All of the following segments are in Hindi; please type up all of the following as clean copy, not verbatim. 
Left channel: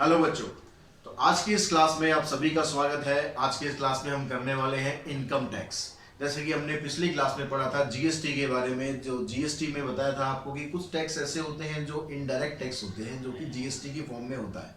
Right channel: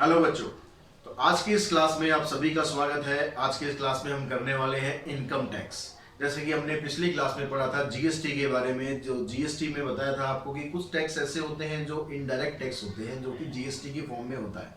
हेलो बच्चों। तो आज की इस क्लास में आप सभी का स्वागत है। आज की इस क्लास में हम करने वाले हैं इनकम टैक्स। जैसे कि हमने पिछली क्लास में पढ़ा था जीएसटी के बारे में। जो जीएसटी में बताया था आपको कि कुछ टैक्स ऐसे होते हैं जो इनडायरेक्ट टैक्स होते हैं, जो कि जीएसटी की फॉर्म में होता है।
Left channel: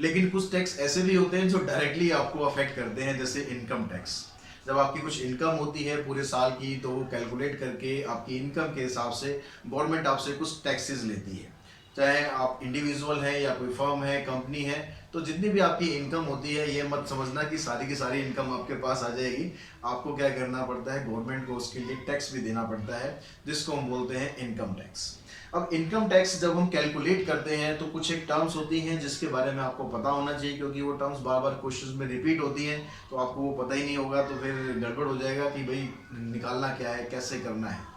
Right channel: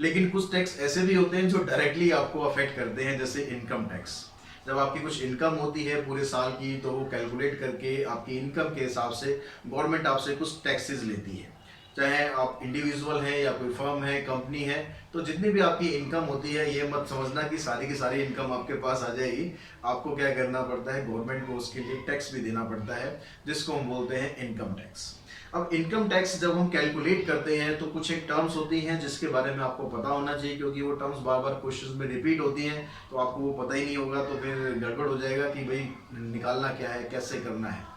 लेकिन कुछ टैक्स ऐसे भी होते हैं जो डायरेक्टली आपको अफेक्ट करते हैं, जैसे इनकम टैक्स। जब आपकी कुछ इनकम होती है पूरे साल की, तो वो कैलकुलेट करके आपकी इनकम के हिसाब से गवर्नमेंट आपसे कुछ टैक्सेस लेती है। चाहे आप इंडिविजुअल हैं या कोई फर्म है, कंपनी है, तो जितनी भी आपकी इनकम होती है, ये मत समझना कि सारी की सारी इनकम आपके पास आ जाएगी। आपको क्या करना पड़ता है, गवर्नमेंट को उसके लिए टैक्स भी देना पड़ता है, जिसको हम बोलते हैं इनकम टैक्स। अब इनकम टैक्स जब हम कैलकुलेट करते हैं तो कुछ एक टर्म्स होती हैं जिसके बारे में आपको पता होना चाहिए, क्योंकि वो टर्म्स बार बार क्वेश्चंस में रिपीट होती हैं। तो आपको वो पता ही नहीं होगा तो फिर गड़बड़ हो जाएगा कि भाई निकालना क्या है, कैसे करना है।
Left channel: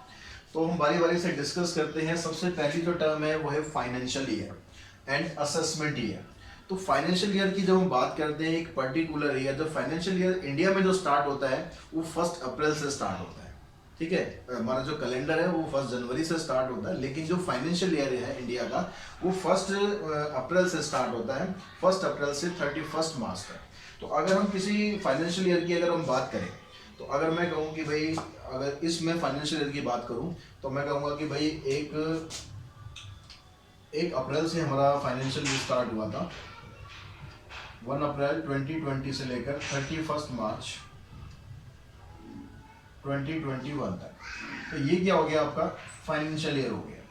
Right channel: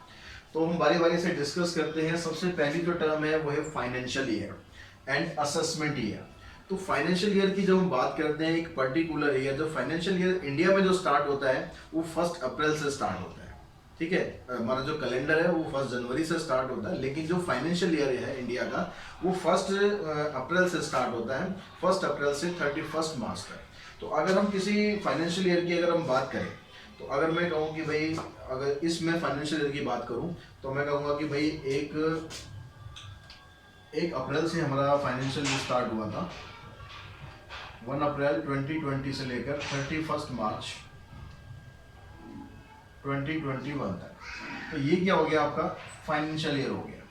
तो हम बारी बारी से डिस्कस करते हैं। सबसे पहली जो टर्म है वो है financial year and assessment year. तो फाइनेंशियल ईयर की जब हम बात करते हैं, एक पर्टिकुलर ईयर, जो फाइनेंशियल ईयर इंडिया में जो स्टार्ट होता है वो 1 अप्रैल से स्टार्ट होता है। ठीक है, हमारा जो कैलेंडर है वो 1 जनवरी से स्टार्ट होता है, लेकिन जो फाइनेंशियल ईयर है इंडिया का वो 1 अप्रैल से स्टार्ट होता है, 1 अप्रैल से 31 मार्च तक। तो अगर हम किसी फाइनेंशियल ईयर की अगर हम बात करें, तो अगर मैं कहूँ कि भाई, अगर इसमें फाइनेंशियल ईयर की बात करूँ तो मैं कहूँगा कि भाई एक 1 अप्रैल से हमारा फाइनेंशियल ईयर स्टार्ट हुआ था। 1 अप्रैल 2020 से लेकर 31 मार्च 2021 तक। तो ये क्या हो गया, आपका फाइनेंशियल ईयर हो गया।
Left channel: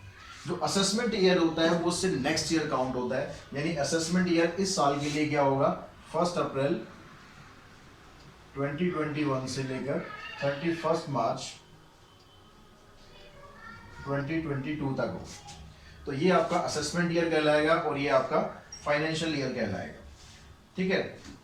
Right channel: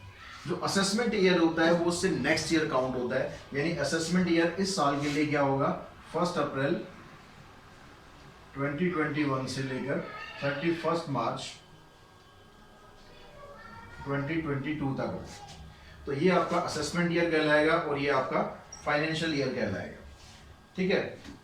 जो असेसमेंट ईयर होता है वो उससे नेक्स्ट ईयर काउंट होता है, यानी असेसमेंट ईयर इस साल के लिए क्या होगा, 1 अप्रैल 2021 से लेकर 31 मार्च 2022 तक हो। तो ये आपका असेसमेंट ईयर कहलाएगा और ये आपका फाइनेंशियल ईयर कहलाएगा। ठीक है।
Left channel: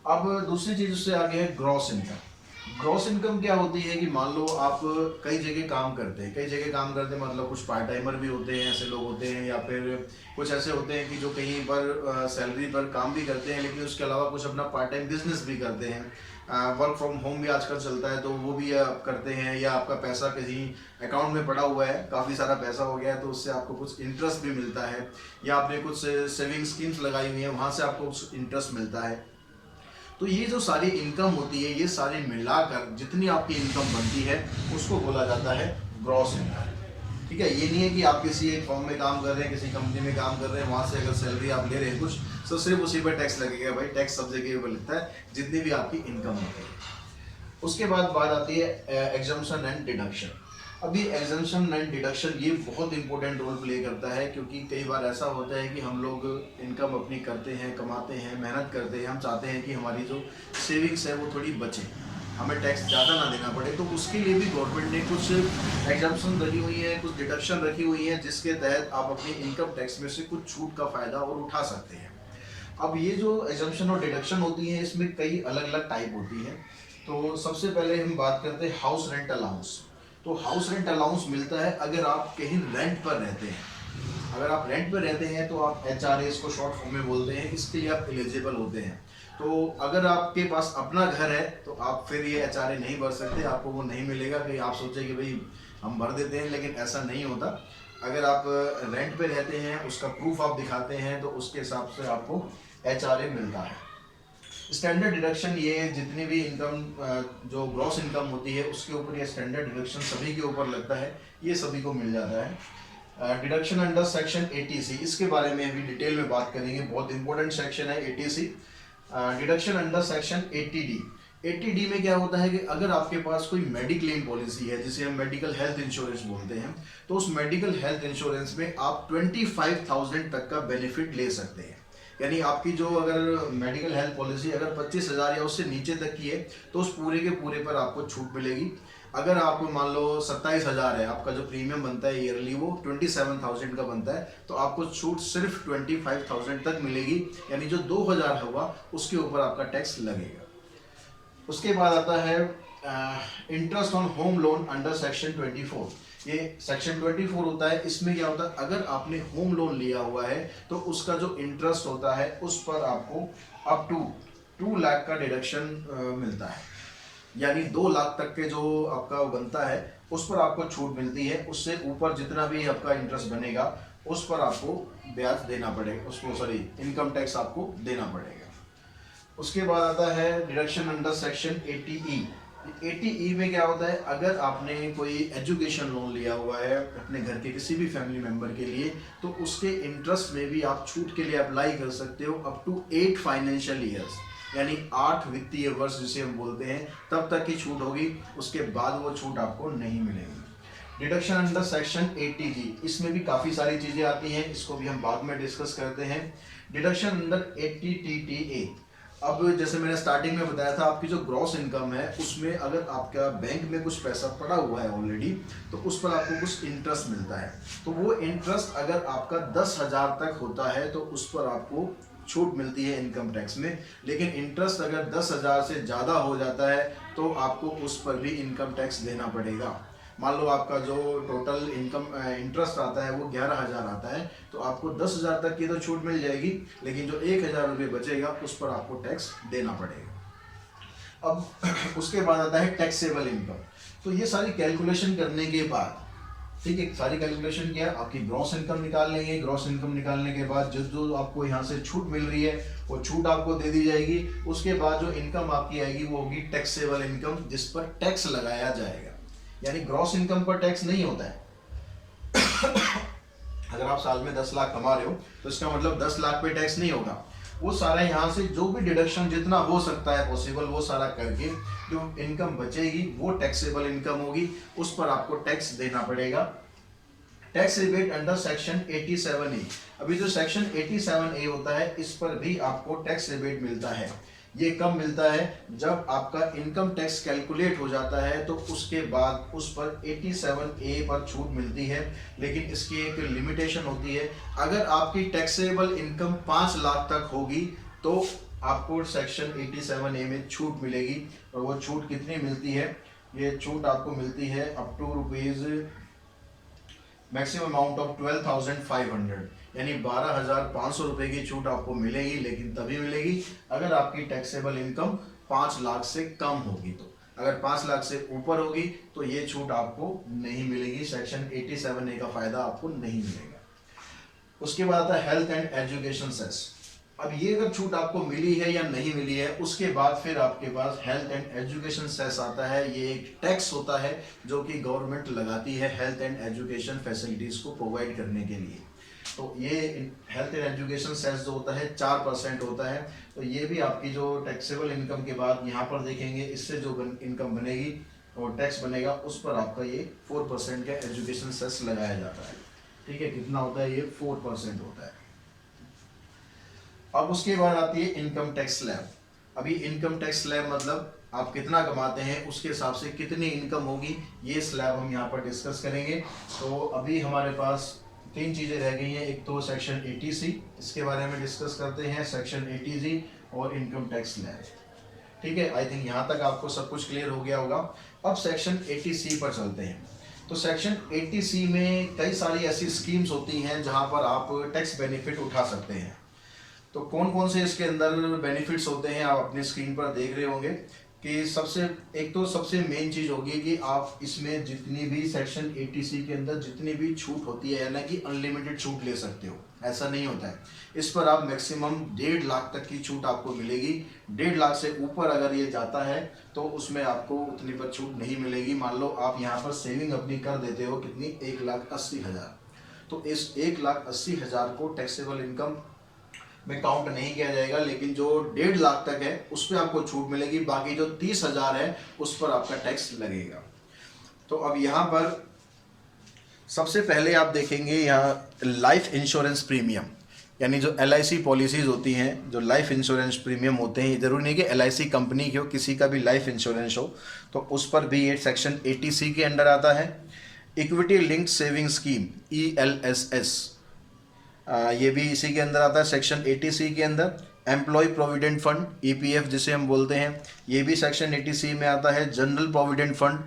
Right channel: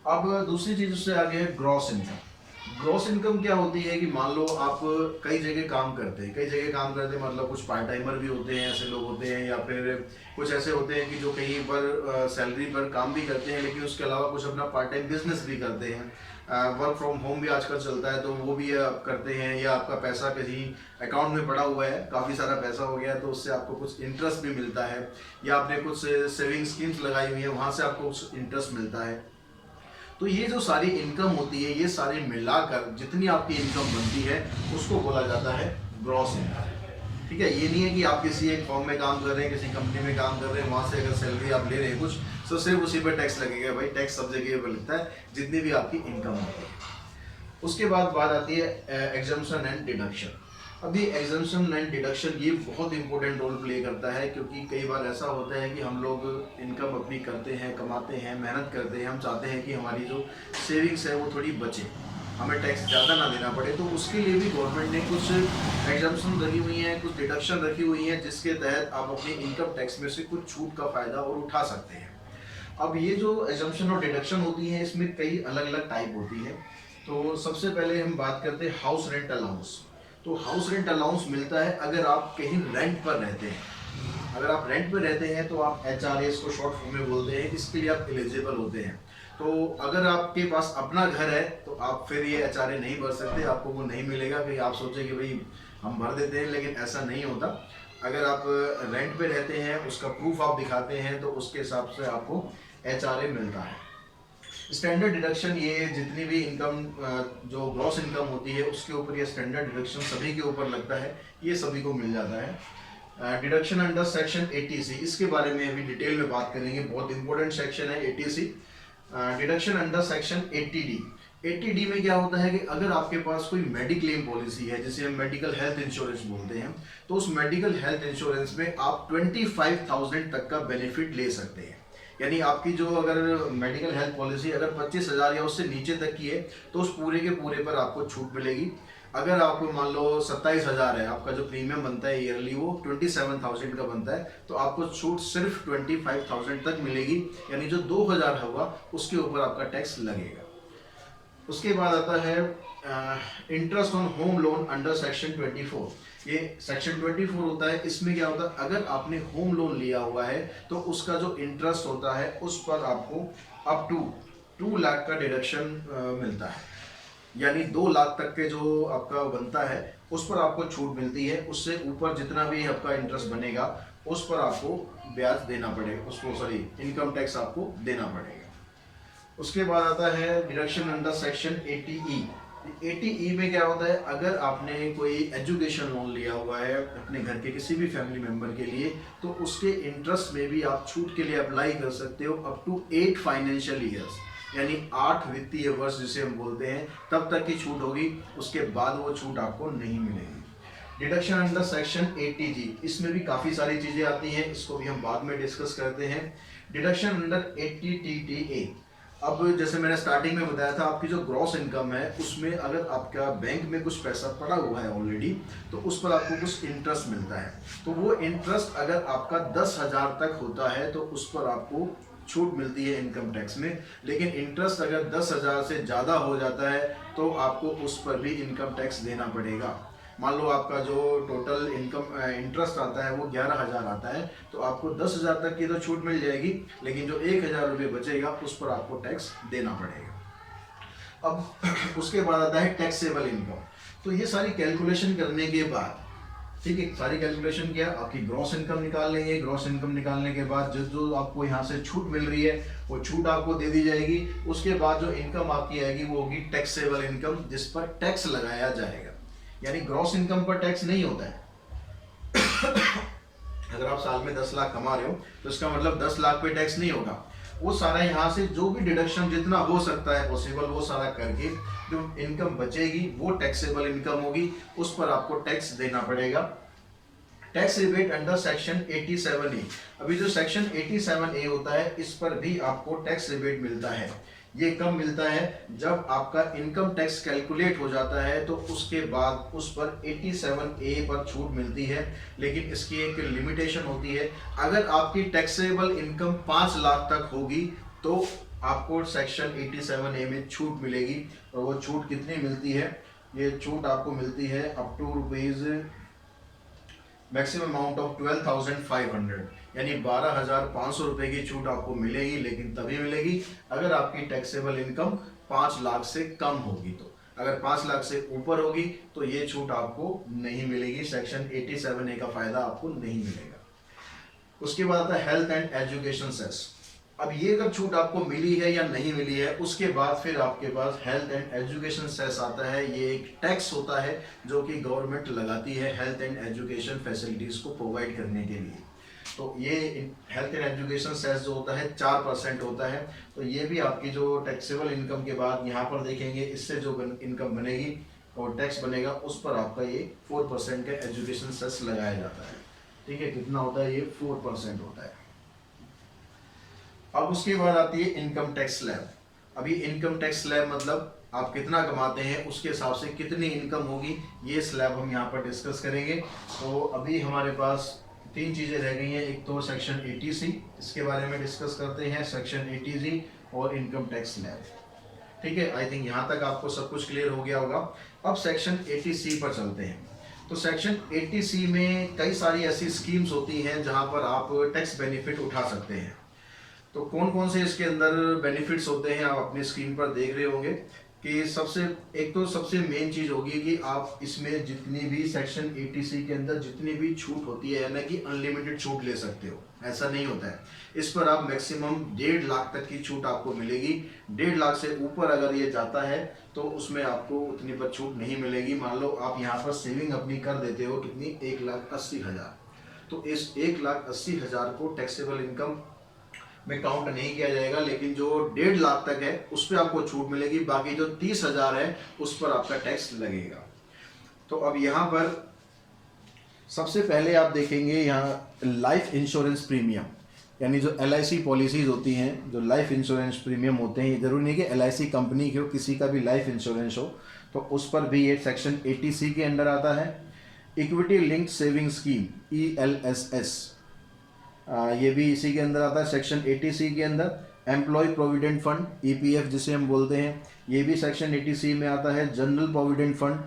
अब दूसरी चीज उससे आगे है ग्रॉस इनकम। ग्रॉस इनकम क्या होती है कि मान लो आप कई जगह काम करते हैं, कई जगह काम करते हैं मतलब कुछ पार्ट टाइमर भी होते हैं, ऐसे लोग होते हैं, या फिर कुछ ऐसे होते हैं कि जो कहीं पर सैलरी पर काम भी करते हैं, लेकिन उसके अलावा कुछ अपना पार्ट टाइम बिजनेस भी करते हैं। वर्क फ्रॉम होम भी आजकल चलता है तो वो भी आप करते हैं, या आपका पैसा कहीं अकाउंट में पड़ा हुआ है, काफ़ी सारा पैसा हो गया है, तो उससे आपको कुछ इंटरेस्ट भी मिलता है, या आपने कुछ सेविंग स्कीम्स लगाई हुई है, वहाँ से आपको कुछ इंटरेस्ट मिलता है। तो ये जो सारी इनकम होती है, ये सारे मिलाकर जितनी आपकी इनकम बनती है उसको बोला जाता है ग्रॉस इनकम। ठीक है, ये नहीं है कि आप किसी एक फॉर्म में काम कर रहे हैं, किसी कंपनी में काम कर रहे हैं, वहाँ से अगर सैलरी आप ले रहे हैं कुछ, तो सिर्फ उसी पर टैक्स लगेगा। भाई टैक्स सब जगह पर लगता है, जितनी भी आपकी इनकम होती है। उसके बाद बात आती है एग्जम्पशन एंड डिडक्शन। अभी एग्जम्पशन एंड डिडक्शन ये बहुत इंपॉर्टेंट रोल प्ले करता है, क्योंकि कई बार ऐसा होता है कि हम लोग इनकम अपनी करते हैं, कमाते हैं, मेहनत करते हैं, हम चाहते हैं कि हमारी जो सेविंग्स है वो थोड़ी बचे, हमें टैक्स ज़्यादा ना देना पड़े। तो उसके लिए भी गवर्नमेंट ने कुछ एग्जम्पशन रखी हुई हैं, कुछ डिडक्शन रखी हुई हैं, जिसके तहत आप अपने इनकम टैक्स में से कुछ छूट का फ़ायदा और उठा सकते हैं। अब ये जो एग्जम्पशन और डिडक्शन होती है, इसमें कई अलग अलग टाइप होती है। तो सबसे पहले हम बात करते हैं हाउस रेंट अलाउंस। तो हाउस रेंट अलाउंस मिलता है अगर आप कहीं रेंट पर रहते हैं। अगर आप रेंट पर रहते हैं तो आप HRA इसको शॉर्ट फॉर्म में बोलते हैं, इसके लिए आप एलिजिबल होते हैं। तो अगर आपके पास अपना घर है तो आप फिर ये HRA नहीं भर सकते, आपको वो नहीं मिलेगा। कि आप सोचें कि भाई हम भर देते हैं, लेकिन ऐसा नहीं होता। अगर आप रेंट पे रहते हैं, उसका प्रूफ आप दिखाते हैं, तो उसके हिसाब से आपको HRA मिलता है। स्टैंडर्ड डिडक्शन, ये जितनी भी इनकम जो ग्रॉस इनकम होती है उसके ऊपर ये स्टैंडर्ड डिडक्शन सभी के ऊपर लगता है, ये सभी को मिल जाता है। डिडक्शन अंडर सेक्शन 80C, इसके बारे में अभी डिटेल में बात करेंगे, बहुत इंपॉर्टेंट सेक्शन है 80C। Deduction under section 80D। 80D में क्या होता है कि अगर आपके पास कोई मेडिक्लेम पॉलिसी है, जिसे हम मेडिकल हेल्थ इंश्योरेंस बोलते हैं, तो उस मेडिकल हेल्थ इंश्योरेंस में आप 25,000 तक का बेनिफिट ले सकते हैं। यानी आपकी जो अगर मेडिकल हेल्थ पॉलिसी अगर 25,000 या उससे नीचे तक की है, तो उस पूरे के पूरे पर आपको छूट मिलेगी। अगर आपको मान लो 27,000 है, आपका जो प्रीमियम बनता है ईयरली वो 27,000 का बनता है, तो आपको छूट सिर्फ 25,000 तक मिलेगी। यानी जो 2,000 होगा उसके ऊपर आपका टैक्स लगेगा। उसके बाद आता है interest on home loan under section 24। ये सेक्शन 24 होता है। इसमें क्या होता है, अगर आपने होम लोन लिया हुआ है तो उसका जो इंटरेस्ट होता है उस पर आपको अप टू 2 लाख का डिडक्शन मिलता है। यानी 2 लाख तक के जो आपका बनता है उस पर आपको छूट मिलती है। उससे ऊपर जितना भी आपका इंटरेस्ट बनेगा उस पर आपको ब्याज देना पड़ेगा, उसको सॉरी इनकम टैक्स आपको देना पड़ेगा। उसके बाद आता है deduction under section 80E। 80E में क्या होता है, अगर आपने कोई एजुकेशन लोन लिया हुआ है अपने घर के किसी भी फैमिली मेंबर के लिए, तो उसके इंटरेस्ट में भी आप छूट के लिए अप्लाई कर सकते हो अप टू 8 फाइनेंशियल ईयर्स, यानी 8 वित्तीय वर्ष जिसे हम बोलते हैं, तब तक की छूट होगी। उसके बाद वो छूट आपको नहीं मिलेगी। डिडक्शन अंडर सेक्शन 80G, इसमें भी काफ़ी सारी चीज़ें आती हैं, इसको भी हम बाद में डिस्कस करते हैं। Deduction under 80TTA। अब जैसे मैंने स्टार्टिंग में बताया था, आपकी जो ग्रॉस इनकम है उसमें अगर आपका बैंक में कुछ पैसा पड़ा हुआ है ऑलरेडी, तो उस पर आपको कुछ इंटरेस्ट मिलता है। तो वो इंटरेस्ट अगर आपका 10,000 तक होता है तो उस पर आपको छूट मिलती है इनकम टैक्स में। लेकिन इंटरेस्ट अगर 10,000 से ज़्यादा हो जाता है तो आपको उस पर भी इनकम टैक्स देना पड़ेगा। मान लो आपका जो टोटल इनकम इंटरेस्ट आता है वो 11,000 आता है, तो आपको 10,000 तक की तो छूट मिल जाएगी, लेकिन जो 1,000 रुपये बचेगा उस पर आपको टैक्स देना पड़ेगा। अब उसके बाद आता है टैक्सेबल इनकम। तो ये सारी कैलकुलेशन करने के बाद, ठीक है, सारी कैलकुलेशन किया, आपकी ग्रॉस इनकम निकाल लेंगे। ग्रॉस इनकम निकालने के बाद जो जो आपको यहाँ से छूट मिल रही है वो छूट आपको दे दी जाएगी। उसके बाद जो इनकम आपकी आएगी वो होगी टैक्सेबल इनकम, जिस पर टैक्स लगाया जाएगा। यानी ग्रॉस इनकम पर टैक्स नहीं होता है। अगर आप साल में 10 लाख कमा रहे हो तो इसका मतलब 10 लाख पे टैक्स नहीं होगा। वो सारा यहाँ से जो भी डिडक्शन जितना हो सकता है पॉसिबल वो सारा करके जो इनकम बचेगी वो टैक्सेबल इनकम होगी, उस पर आपको टैक्स देना पड़ेगा। Tax rebate under section 87A। अभी जो सेक्शन 87A होता है इस पर भी आपको टैक्स रिबेट मिलता है। ये कब मिलता है, जब आपका इनकम टैक्स कैलकुलेट हो जाता है तो उसके बाद उस पर 87A पर छूट मिलती है। लेकिन इसकी एक लिमिटेशन होती है, अगर आपकी टैक्सेबल इनकम 5 लाख तक होगी तो आपको सेक्शन 87A में छूट मिलेगी। और वो छूट कितनी मिलती है, ये छूट आपको मिलती है up to rupees maximum amount of 12,500, यानी 12,500 रुपए की छूट आपको मिलेगी। लेकिन तभी मिलेगी अगर आपकी टैक्सेबल इनकम 5 लाख से कम होगी। तो अगर 5 लाख से ऊपर होगी तो ये छूट आपको नहीं मिलेगी, सेक्शन 87A का फायदा आपको नहीं मिलेगा। उसके बाद आता है हेल्थ एंड एजुकेशन सेस। अब ये अगर छूट आपको मिली है या नहीं मिली है, उसके बाद फिर आपके पास हेल्थ एंड एजुकेशन सेस आता है। ये एक टैक्स होता है जो कि गवर्नमेंट लगाती है हेल्थ एंड एजुकेशन फैसिलिटीज को प्रोवाइड करने के लिए। तो ये हेल्थ एंड एजुकेशन सेस जो होता है 4% होता है। तो ये भी आपकी जो टैक्सेबल इनकम के बाद यहाँ पर देखेंगे, इससे जो इनकम बनेगी और टैक्स बनेगा उस पर आपका ये 4% का एजुकेशन सेस लगाया जाता है। ठीक है, कितना होता है, ये 4% होता है। अब उसके बाद आती है इनकम टैक्स स्लैब। अभी इनकम टैक्स स्लैब मतलब आप कितना कमाते हैं उसके हिसाब से कितनी इनकम होगी, ये स्लैब हम यहाँ पर डिस्कस करेंगे। तो अभी हमारे पास 3 चीज़ें रह गई हैं, एक तो सेक्शन 80C, इसके बारे में डिस्कस करते हैं, सेक्शन 80G और इनकम टैक्स स्लैब। ठीक है, आई थिंक यहाँ तक आपको सब कुछ क्लियर हो गया होगा। अब सेक्शन 80C पर चलते हैं। तो सेक्शन 80C में कई सारी ऐसी स्कीम्स होती हैं जहाँ पर आप टैक्स बेनिफिट उठा सकते हैं। तो कौन कौन से इसके अंदर बेनिफिट्स होते हैं आप अपनी स्क्रीन पर देख रहे होंगे कि एक तो सबसे मेन चीज़ होगी कि आप इसमें जितनी भी सेक्शन 80C के अंदर जितनी भी छूट होती है ना कि अनलिमिटेड छूट ले सकते हो, ऐसा नहीं होता है। इस पर आप मैक्सिमम 1.5 लाख तक की छूट आपको मिलेगी। 1.5 लाख से ऊपर अगर ये जाता है तो उसमें आपको उतनी पर छूट नहीं मिलेगी। मान लो आप यहाँ पर सेविंग अपनी कर देते हो कितनी, 1,80,000, तो इस 1,80,000 को टैक्सेबल इनकम में काउंट नहीं किया जाएगा। लेकिन जो 1.5 लाख तक है उस पर आपको छूट मिलेगी, बाकी जो 30,000 है उस पर आपका टैक्स लगेगा। तो अब यहाँ पर सबसे पहले आप देखेंगे यहाँ लाइफ इंश्योरेंस प्रीमियम, यानी जो LIC पॉलिसीज होती हैं, जो लाइफ इंश्योरेंस प्रीमियम होते हैं, जरूरी नहीं कि LIC कंपनी के हो, किसी का भी लाइफ इंश्योरेंस हो, तो उस पर भी ये सेक्शन 80C के अंडर आता है। Equity linked saving scheme ELSS, ये भी इसी के अंदर आता है सेक्शन 80C के अंदर। एम्प्लॉय प्रोविडेंट फंड EPF जिसे हम बोलते हैं, ये भी सेक्शन 80C में आता है। General provident fund,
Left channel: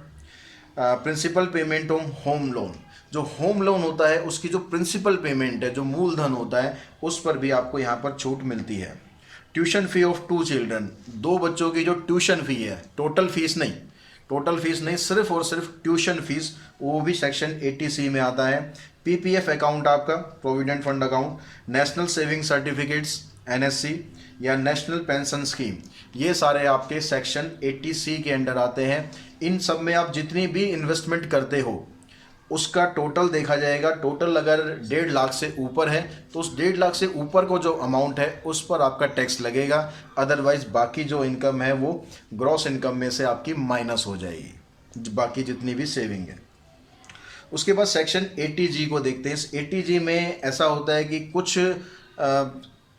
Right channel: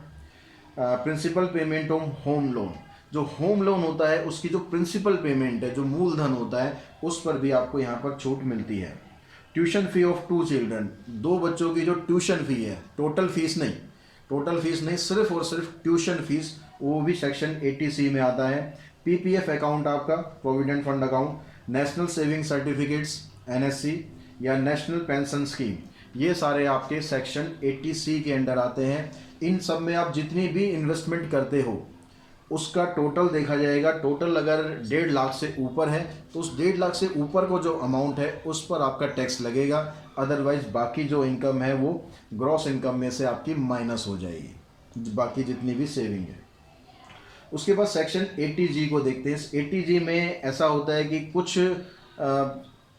principal payment on home loan, जो होम लोन होता है उसकी जो प्रिंसिपल पेमेंट है, जो मूलधन होता है, उस पर भी आपको यहाँ पर छूट मिलती है। ट्यूशन फी ऑफ 2 चिल्ड्रन, 2 बच्चों की जो ट्यूशन फी है, टोटल फीस नहीं, टोटल फीस नहीं, सिर्फ और सिर्फ ट्यूशन फीस, वो भी सेक्शन 80C में आता है। पीपीएफ अकाउंट आपका, provident fund account, national saving certificates NSC या नेशनल पेंशन स्कीम, ये सारे आपके सेक्शन 80C के अंडर आते हैं। इन सब में आप जितनी भी इन्वेस्टमेंट करते हो उसका टोटल देखा जाएगा। टोटल अगर 1.5 लाख से ऊपर है तो उस 1.5 लाख से ऊपर को जो अमाउंट है उस पर आपका टैक्स लगेगा। अदरवाइज बाकी जो इनकम है वो ग्रॉस इनकम में से आपकी माइनस हो जाएगी, बाकी जितनी भी सेविंग है। उसके बाद सेक्शन 80G को देखते हैं। इस 80G में ऐसा होता है कि कुछ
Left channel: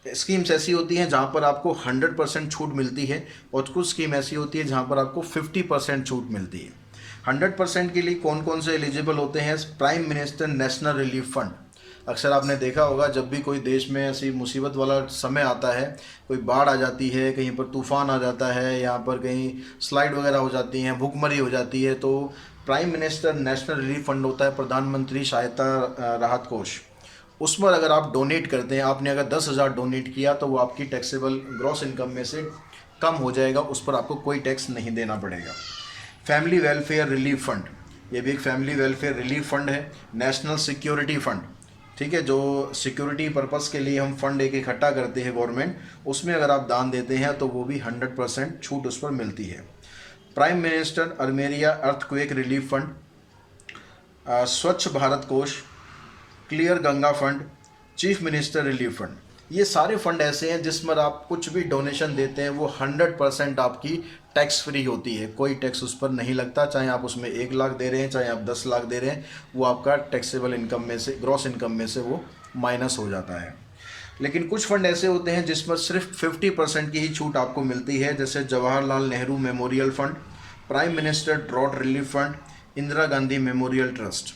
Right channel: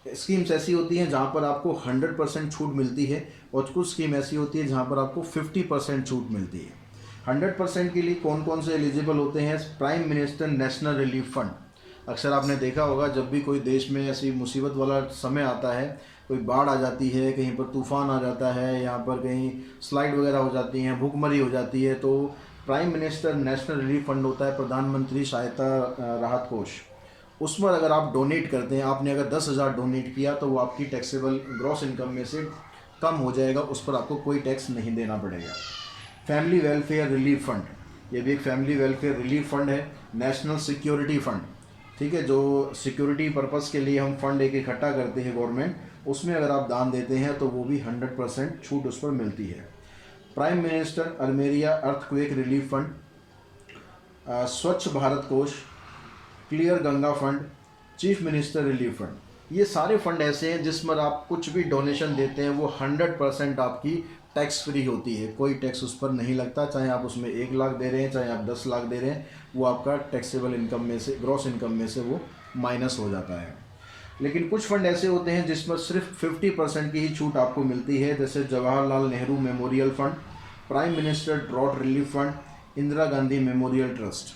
स्कीम्स ऐसी होती हैं जहाँ पर आपको 100% छूट मिलती है और कुछ स्कीम ऐसी होती है जहाँ पर आपको 50% छूट मिलती है। 100% के लिए कौन कौन से एलिजिबल होते हैं? Prime minister national relief fund. अक्सर आपने देखा होगा जब भी कोई देश में ऐसी मुसीबत वाला समय आता है, कोई बाढ़ आ जाती है, कहीं पर तूफान आ जाता है, यहाँ पर कहीं स्लाइड वगैरह हो जाती हैं, भूखमरी हो जाती है, तो prime minister national relief fund होता है, प्रधानमंत्री सहायता राहत कोष। उसमें अगर आप डोनेट करते हैं, आपने अगर 10,000 डोनेट किया तो वो आपकी टैक्सेबल ग्रॉस इनकम में से कम हो जाएगा, उस पर आपको कोई टैक्स नहीं देना पड़ेगा। फैमिली वेलफेयर रिलीफ फंड, ये भी एक फैमिली वेलफेयर रिलीफ फंड है। नेशनल सिक्योरिटी फंड, ठीक है, जो सिक्योरिटी पर्पस के लिए हम फंड एक इकट्ठा करते हैं गवर्नमेंट, उसमें अगर आप दान देते हैं तो वो भी 100% छूट उस पर मिलती है। Prime minister Armenia earthquake relief fund, Swachh Bharat Kosh, clear Ganga fund, chief minister relief fund, ये सारे फंड ऐसे हैं जिसमें आप कुछ भी डोनेशन देते हैं वो 100% आपकी टैक्स फ्री होती है, कोई टैक्स उस पर नहीं लगता। चाहे आप उसमें 1 लाख दे रहे हैं, चाहे आप 10 लाख दे रहे हैं, वो आपका टैक्सेबल इनकम में से, ग्रॉस इनकम में से वो माइनस हो जाता है। लेकिन कुछ फंड ऐसे होते हैं जिसमें सिर्फ 50% की ही छूट आपको मिलती है, जैसे Jawaharlal Nehru memorial fund, prime minister drought relief fund, Indira Gandhi memorial trust.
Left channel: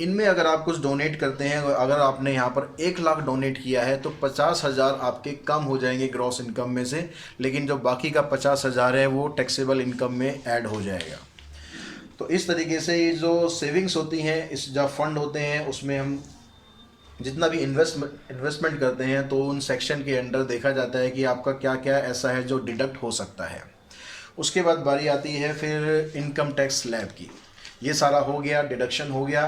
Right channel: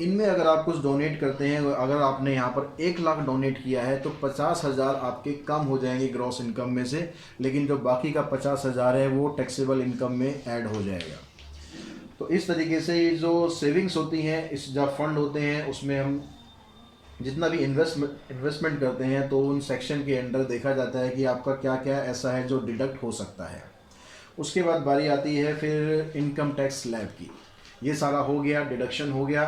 इनमें अगर आप कुछ डोनेट करते हैं, अगर आपने यहाँ पर 1 लाख डोनेट किया है तो 50,000 आपके कम हो जाएंगे ग्रॉस इनकम में से, लेकिन जो बाकी का 50,000 है वो टैक्सेबल इनकम में ऐड हो जाएगा। तो इस तरीके से ये जो सेविंग्स होती हैं, इस जो फंड होते हैं, उसमें हम जितना भी इन्वेस्टमेंट करते हैं तो उन सेक्शन के अंडर देखा जाता है कि आपका क्या क्या ऐसा है जो डिडक्ट हो सकता है। उसके बाद बारी आती है फिर इनकम टैक्स स्लैब की। ये सारा हो गया, डिडक्शन हो गया।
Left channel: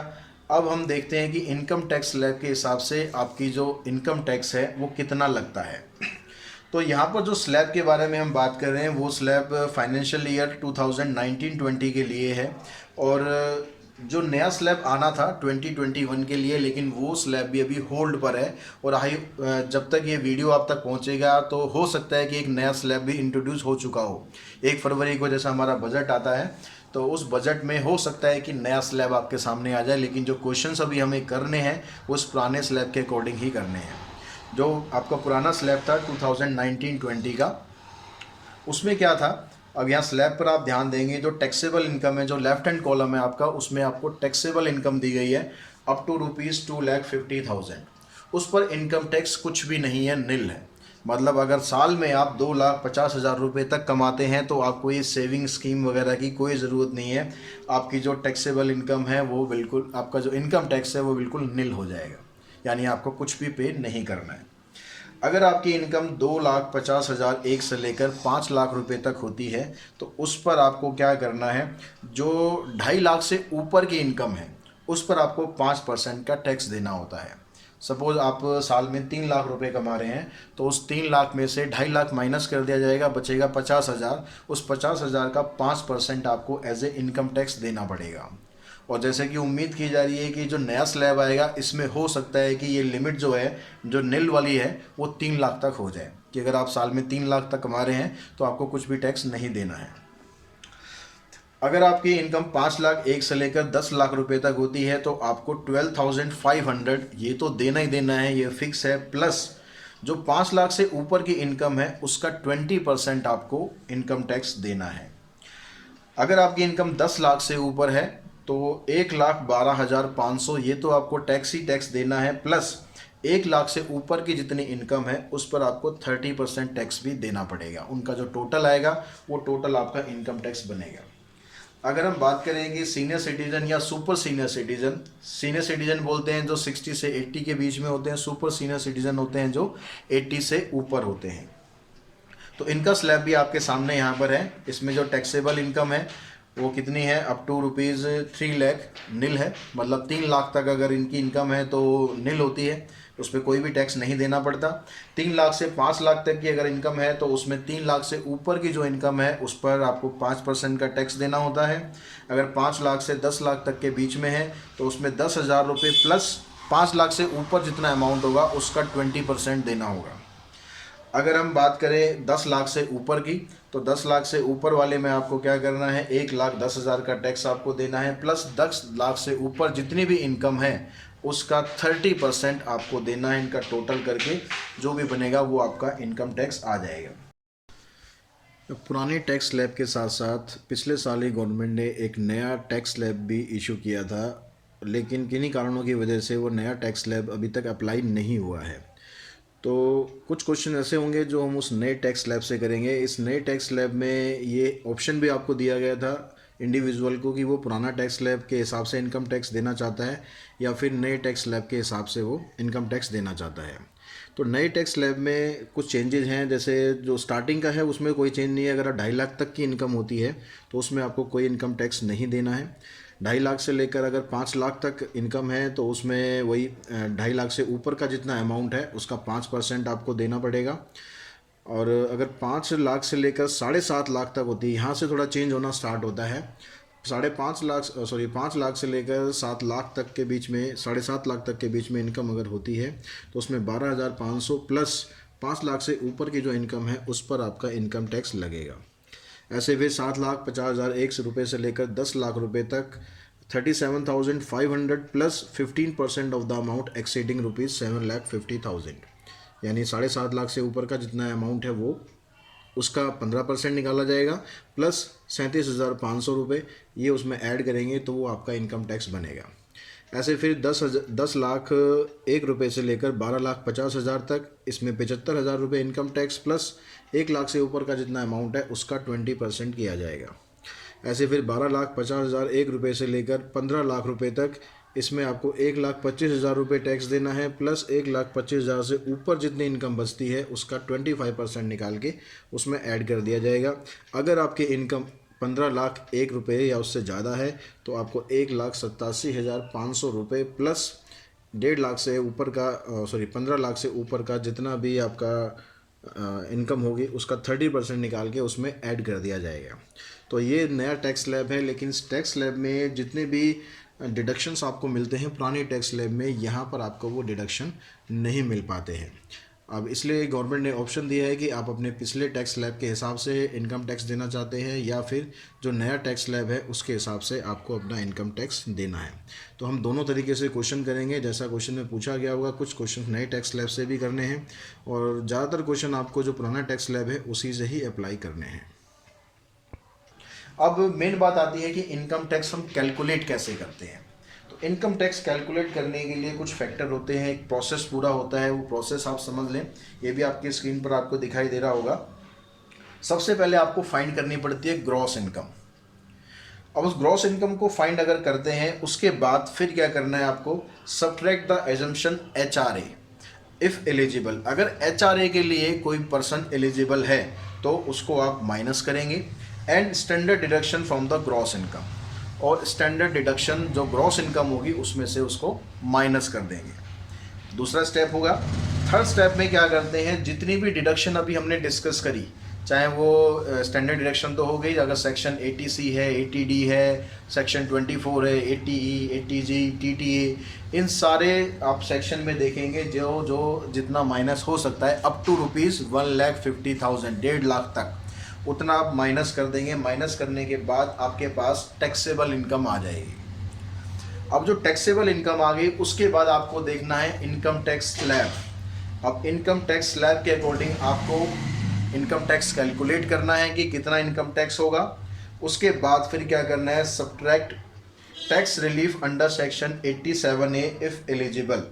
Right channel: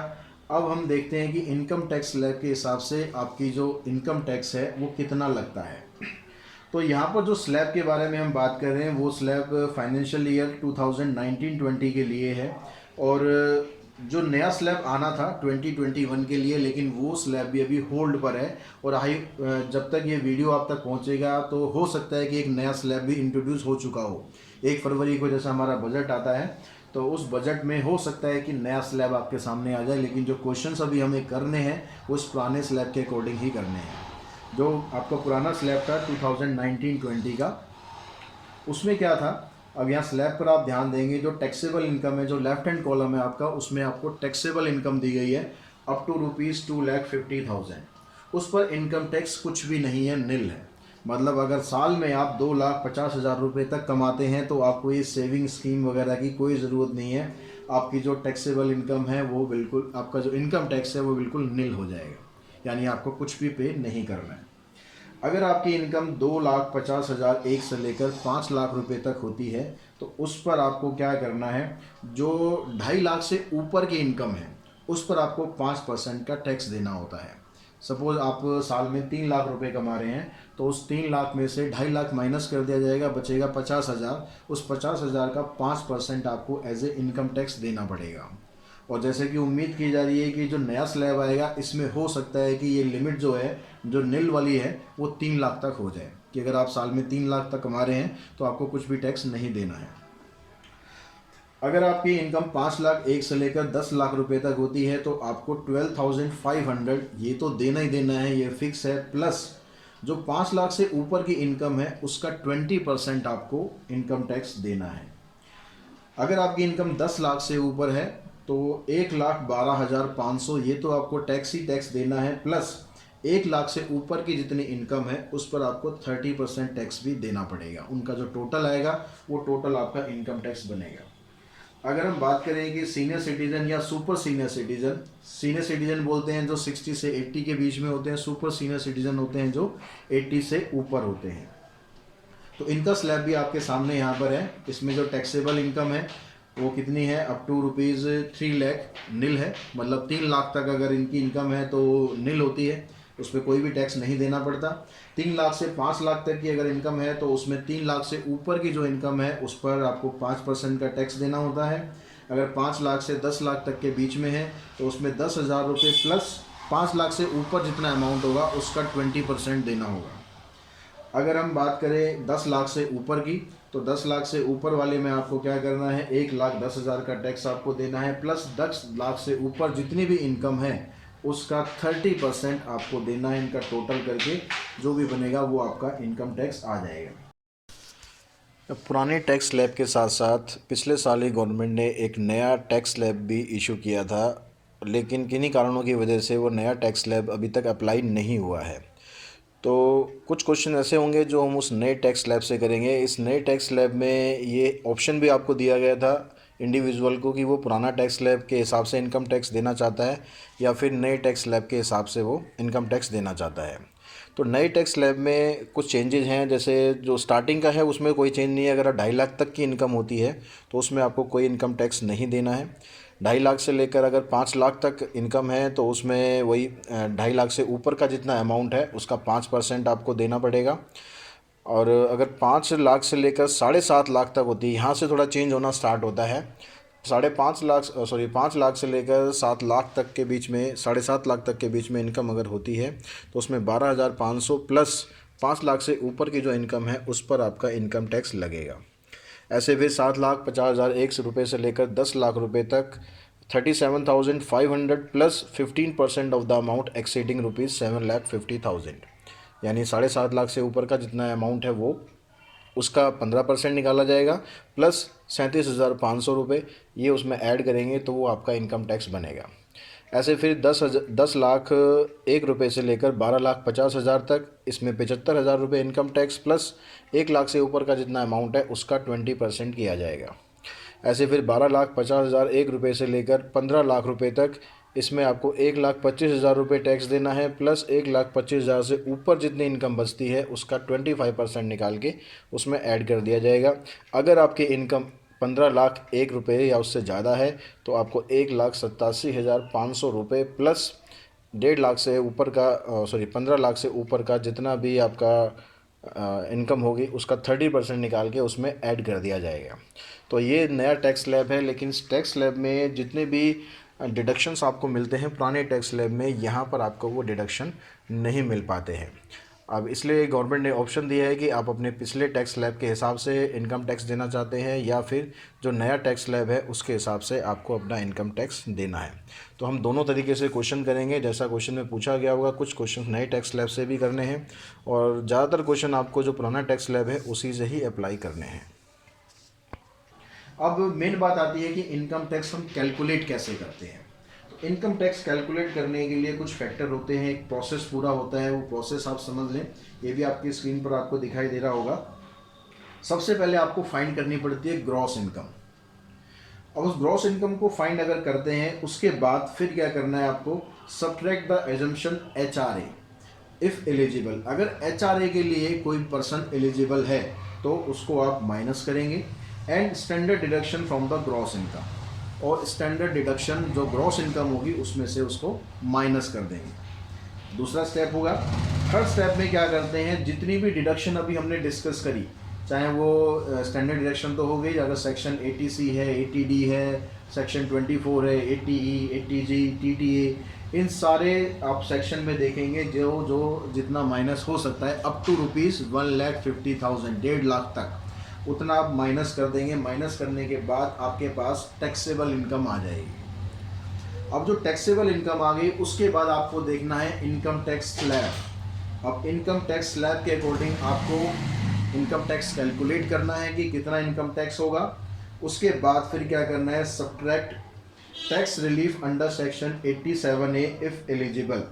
अब हम देखते हैं कि इनकम टैक्स स्लैब के हिसाब से आपकी जो इनकम टैक्स है वो कितना लगता है। तो यहाँ पर जो स्लैब के बारे में हम बात कर रहे हैं वो स्लैब फाइनेंशियल ईयर 2019-20 के लिए है, और जो नया स्लैब आना था 2021 के लिए, लेकिन वो स्लैब भी अभी होल्ड पर है। और जब तक ये वीडियो आप तक पहुँचेगा तो हो सकता है कि एक नया स्लैब भी इंट्रोड्यूस हो चुका हो। 1 फरवरी को जैसा हमारा बजट आता है तो उस बजट में हो सकता है कि नया स्लैब आपके सामने आ जाए, लेकिन जो क्वेश्चंस अभी हमें करने हैं वो उस पुराने स्लैब के अकॉर्डिंग ही करने हैं। जो आपका पुराना स्लैब था 2019-20 का, उसमें क्या था, अब यहाँ स्लैब पर आप ध्यान देंगे, जो टैक्सेबल इनकम है, जो लेफ्ट हैंड कॉलम है आपका, उसमें आपको टैक्सेबल इनकम दी गई है अप टू ₹2,50,000। उस पर इनकम टैक्स कुछ भी नहीं है, निल है। मतलब अगर साल में आप 2,50,000 रुपये तक कमाते हैं तो आपको ये सेविंग स्कीम वगैरह की कोई ज़रूरत नहीं है। आपकी जो टैक्सेबल इनकम है वो बिल्कुल, आपका जो इनकम टैक्स है वो बिल्कुल निल हो जाएगा, यानी आपको कुछ भी पे नहीं करना है। अगर आपकी इनकम 2,50,000 1 से लेकर 5 लाख रुपए तक होती है तो उस पर आपको क्या करना है, जो 2.5 लाख से ऊपर की इनकम है उस पर आपको 5% का टैक्स देना होता है। सपोज़ आप साल में 3 लाख रुपए कमा रहे हैं तो उस 3 लाख में से 2.5 लाख माइनस कर दिया जाएगा, बचेगा 50,000। उस 50,000 का 5% आपको एज ए इनकम टैक्स देना पड़ेगा। और जैसे कि उम्मीद की जा रही है कि जो नया स्लैब आएगा इसमें हो सकता है कि ये लिमिट जो है, जो निल वाली है, वो 3 लाख तक हो जाए, कि अगर आप साल में 3 लाख तक कमा रहे हैं तो आपको कुछ भी टैक्स नहीं देना है। अगर आपकी इनकम 5 लाख 1 से लेकर 10 लाख रुपए तक होती है तो आपको 12,500 ये तो देना ही देना है, ये फिक्स है। प्लस जो 5 लाख से ऊपर की इनकम है उसका 20% आपको इनकम टैक्स देना है। अगर आपकी इनकम 10 लाख से ऊपर है तो 1,12,500 ये तो आपको टैक्स ही टैक्स देना है, प्लस 1 लाख से ऊपर की जितनी इनकम है उस पर आपको 30% टैक्स भी देना पड़ेगा। उनका जो टोटल आएगा वो टोटल आपका इनकम टैक्स बनेगा। अगर हम बात करें कि सीनियर सिटीजन या super senior citizen, senior citizen बोलते हैं जो 60 से 80 के बीच में होते हैं, सुपर सीनियर सिटीजन होते हैं जो 80 से ऊपर होते हैं। तो इनका स्लैब भी आपके सामने यहाँ पर है। इसमें जो टैक्सेबल इनकम है वो कितनी है, अप टू रुपीज़ 3 लाख नील है, मतलब 3 लाख तक अगर इनकी इनकम है तो नील होती है, उस पर कोई भी टैक्स नहीं देना पड़ता। 3 लाख से 5 लाख तक की अगर इनकम है तो उसमें 3 लाख से ऊपर की जो इनकम है उस पर आपको 5% का टैक्स देना होता है। अगर 5 लाख से 10 लाख तक के बीच में है तो उसमें 10,000 रुपये प्लस 5 लाख से ऊपर जितना अमाउंट होगा उसका 20% देना होगा। अगर हम बात करें 10 लाख से ऊपर की, तो 10 लाख से ऊपर वाले में आपको क्या करना है, 1,10,000 का टैक्स आपको देना है, प्लस 10 लाख से ऊपर जितनी भी इनकम है उसका 30% आपको देना है। इनका टोटल करके जो भी बनेगा वो आपका इनकम टैक्स आ जाएगा। पुराने टैक्स स्लैब के साथ साथ पिछले साल ही गवर्नमेंट ने एक नया टैक्स स्लैब भी इशू किया था, लेकिन किन्हीं कारणों की वजह से वो नया टैक्स स्लैब अभी तक अप्लाई नहीं हुआ है। तो कुछ क्वेश्चन ऐसे होंगे जो हम उस नए टैक्स स्लैब से करेंगे। इस नए टैक्स स्लैब में ये ऑप्शन भी आपको दिया गया था इंडिविजुअल को कि वो पुराना टैक्स स्लैब के हिसाब से इनकम टैक्स देना चाहता है या फिर नए टैक्स स्लैब के हिसाब से वो इनकम टैक्स देना चाहता है। तो नए टैक्स स्लैब में कुछ चेंजेस हैं, जैसे जो स्टार्टिंग का है उसमें कोई चेंज नहीं है। अगर 2.5 लाख तक की इनकम होती है तो उसमें आपको कोई इनकम टैक्स नहीं देना है। 2.5 लाख से लेकर अगर 5 लाख तक इनकम है तो उसमें वही 2.5 लाख से ऊपर का जितना अमाउंट है उसका 5% आपको देना पड़ेगा। और अगर 5 लाख से लेकर 7.5 लाख तक होती है, यहाँ से थोड़ा चेंज होना स्टार्ट होता है। 5 लाख से लेकर 7 लाख तक के बीच में, 7.5 लाख तक के बीच में इनकम अगर होती है तो उसमें 12,500 प्लस 5 लाख से ऊपर की जो इनकम है उस पर आपका इनकम टैक्स लगेगा। ऐसे फिर 7,50,001 रुपये से लेकर 10 लाख रुपए तक 37,500 plus 15% of the amount exceeding ₹7,50,000, यानी 7.5 लाख से ऊपर का जितना अमाउंट है वो उसका 15% निकाला जाएगा, प्लस 37,500 रुपये ये उसमें ऐड करेंगे तो वो आपका इनकम टैक्स बनेगा। ऐसे फिर 10 लाख 1 रुपये से लेकर 12,50,000 तक, इसमें 75,000 रुपये इनकम टैक्स प्लस 1 लाख से ऊपर का जितना अमाउंट है उसका 20% किया जाएगा। ऐसे फिर 12,50,000 1 रुपये से लेकर 15 लाख रुपये तक, इसमें आपको 1,25,000 रुपये टैक्स देना है, प्लस 1,25,000 से ऊपर जितनी इनकम बचती है उसका 25% निकाल के उसमें ऐड कर दिया जाएगा। अगर आपकी इनकम 15 लाख 1 रुपये या उससे ज़्यादा है तो आपको 1,87,500 रुपये प्लस 1.5 लाख से ऊपर का 15 लाख से ऊपर का जितना भी आपका इनकम होगी उसका 30% निकाल के उसमें ऐड कर दिया जाएगा। तो ये नया टैक्स स्लैब है, लेकिन इस टैक्स स्लैब में जितने भी डिडक्शंस आपको मिलते हैं पुराने टैक्स स्लैब में, यहाँ पर आपको वो डिडक्शन नहीं मिल पाते हैं। अब इसलिए गवर्नमेंट ने ऑप्शन दिया है कि आप अपने पिछले टैक्स स्लैब के हिसाब से इनकम टैक्स देना चाहते हैं या फिर जो नया टैक्स स्लैब है उसके हिसाब से आपको अपना इनकम टैक्स देना है। तो हम दोनों तरीके से क्वेश्चन करेंगे, जैसा क्वेश्चन में पूछा गया होगा। कुछ क्वेश्चन नए टैक्स स्लैब से भी करने हैं और ज़्यादातर क्वेश्चन आपको जो पुराना टैक्स स्लैब है उसी से ही अप्लाई करने हैं। अब मेन बात आती है कि इनकम टैक्स हम कैलकुलेट कैसे करते हैं। तो इनकम टैक्स कैलकुलेट करने के लिए कुछ फैक्टर होते हैं, एक प्रोसेस पूरा होता है, वो प्रोसेस आप समझ लें। ये भी आपकी स्क्रीन पर आपको दिखाई दे रहा होगा। सबसे पहले आपको फाइंड करनी पड़ती है ग्रॉस इनकम। अब उस ग्रॉस इनकम को फाइंड अगर करते हैं उसके बाद फिर क्या करना है आपको, subtract the assumption HRA if eligible. अगर HRA के लिए कोई पर्सन एलिजिबल है तो उसको आप माइनस करेंगे, and standard deduction from the gross income, और स्टैंडर्ड डिडक्शन जो ग्रॉस इनकम होगी उसमें से उसको माइनस कर देंगे। दूसरा स्टेप होगा। थर्ड स्टेप में क्या करते हैं, जितनी भी डिडक्शन अभी हमने डिस्कस करी, चाहे वो स्टैंडर्ड डिडक्शन तो हो गई, अगर सेक्शन 80C है, 80D है, सेक्शन 24 है, 80E, 80G, TTA, इन सारे आप सेक्शन में देखेंगे जो जितना माइनस हो सकता है अप टू ₹1,50,000, 1.5 लाख तक, उतना आप माइनस कर देंगे। माइनस करने के बाद आपके पास टैक्सेबल इनकम आ जाएगी। अब जो टैक्सेबल इनकम आ गई उसके बाद आपको देखना है इनकम टैक्स स्लैब। अब इनकम टैक्स स्लैब के अकॉर्डिंग आपको इनकम टैक्स कैलकुलेट करना है कि कितना इनकम टैक्स होगा। उसके बाद फिर क्या करना है, subtract tax relief under section 87A if eligible.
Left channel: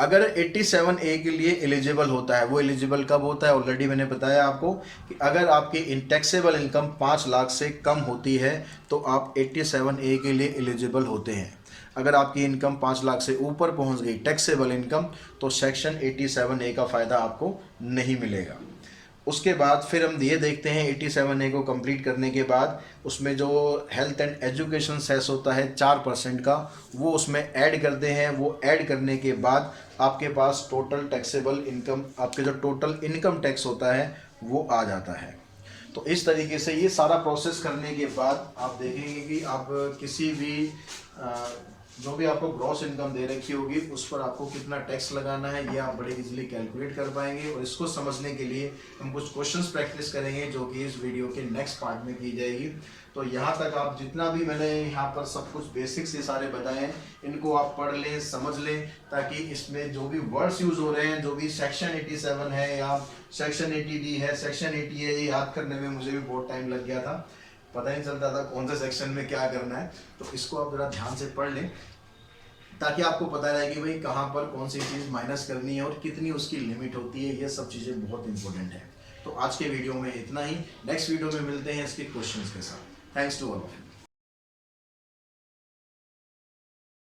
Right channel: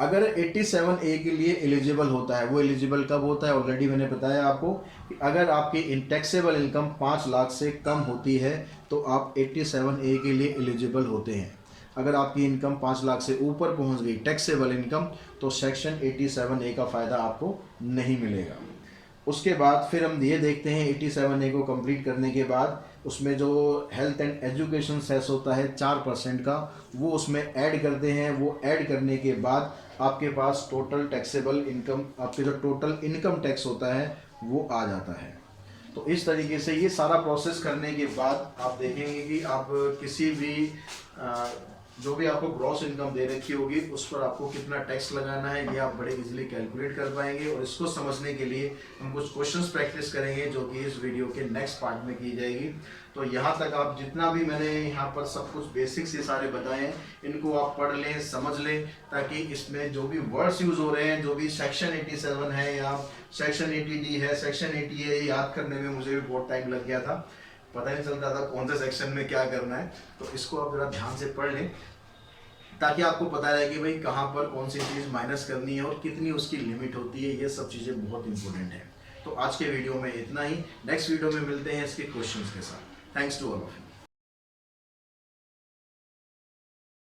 अगर 87A के लिए एलिजिबल होता है, वो एलिजिबल कब होता है, ऑलरेडी मैंने बताया आपको कि अगर आपकी टैक्सेबल इनकम 5 लाख से कम होती है तो आप 87A के लिए एलिजिबल होते हैं। अगर आपकी इनकम 5 लाख से ऊपर पहुंच गई टैक्सेबल इनकम, तो सेक्शन 87A का फ़ायदा आपको नहीं मिलेगा। उसके बाद फिर हम ये देखते हैं 87A को कंप्लीट करने के बाद उसमें जो हेल्थ एंड एजुकेशन सेस होता है 4% का, वो उसमें ऐड करते हैं। वो ऐड करने के बाद आपके पास टोटल टैक्सेबल इनकम, आपके जो टोटल इनकम टैक्स होता है वो आ जाता है। तो इस तरीके से ये सारा प्रोसेस करने के बाद आप देखेंगे कि आप किसी भी जो भी आपको ग्रॉस इनकम दे रखी होगी उस पर आपको कितना टैक्स लगाना है ये आप बड़े इजीली कैलकुलेट कर पाएंगे। और इसको समझने के लिए हम कुछ क्वेश्चंस प्रैक्टिस करेंगे जो कि इस वीडियो के नेक्स्ट पार्ट में की जाएगी। तो यहाँ तक आप जितना भी मैंने यहाँ पर सब कुछ बेसिक्स ये सारे बताए हैं, इनको आप पढ़ लें, समझ लें, ताकि इसमें जो भी वर्ड्स यूज़ हो रहे हैं, जो भी सेक्शन 87 है या सेक्शन 80D है, सेक्शन 80 है, ये याद करने में मुझे भी बहुत टाइम लग गया था, पता नहीं चलता था कौन सा सेक्शन में क्या करना है। तो इसको आप जरा ध्यान से पढ़ लें ताकि आपको पता रहे कि भाई कहाँ पर कौन सी चीज़ माइनस करनी है और कितनी उसकी लिमिट होती है। ये सब चीज़ें बहुत इंपॉर्टेंट है। तो आज के वीडियो में इतना ही, नेक्स्ट वीडियो में मिलते हैं इसके क्वेश्चंस के साथ। Thanks to all of you.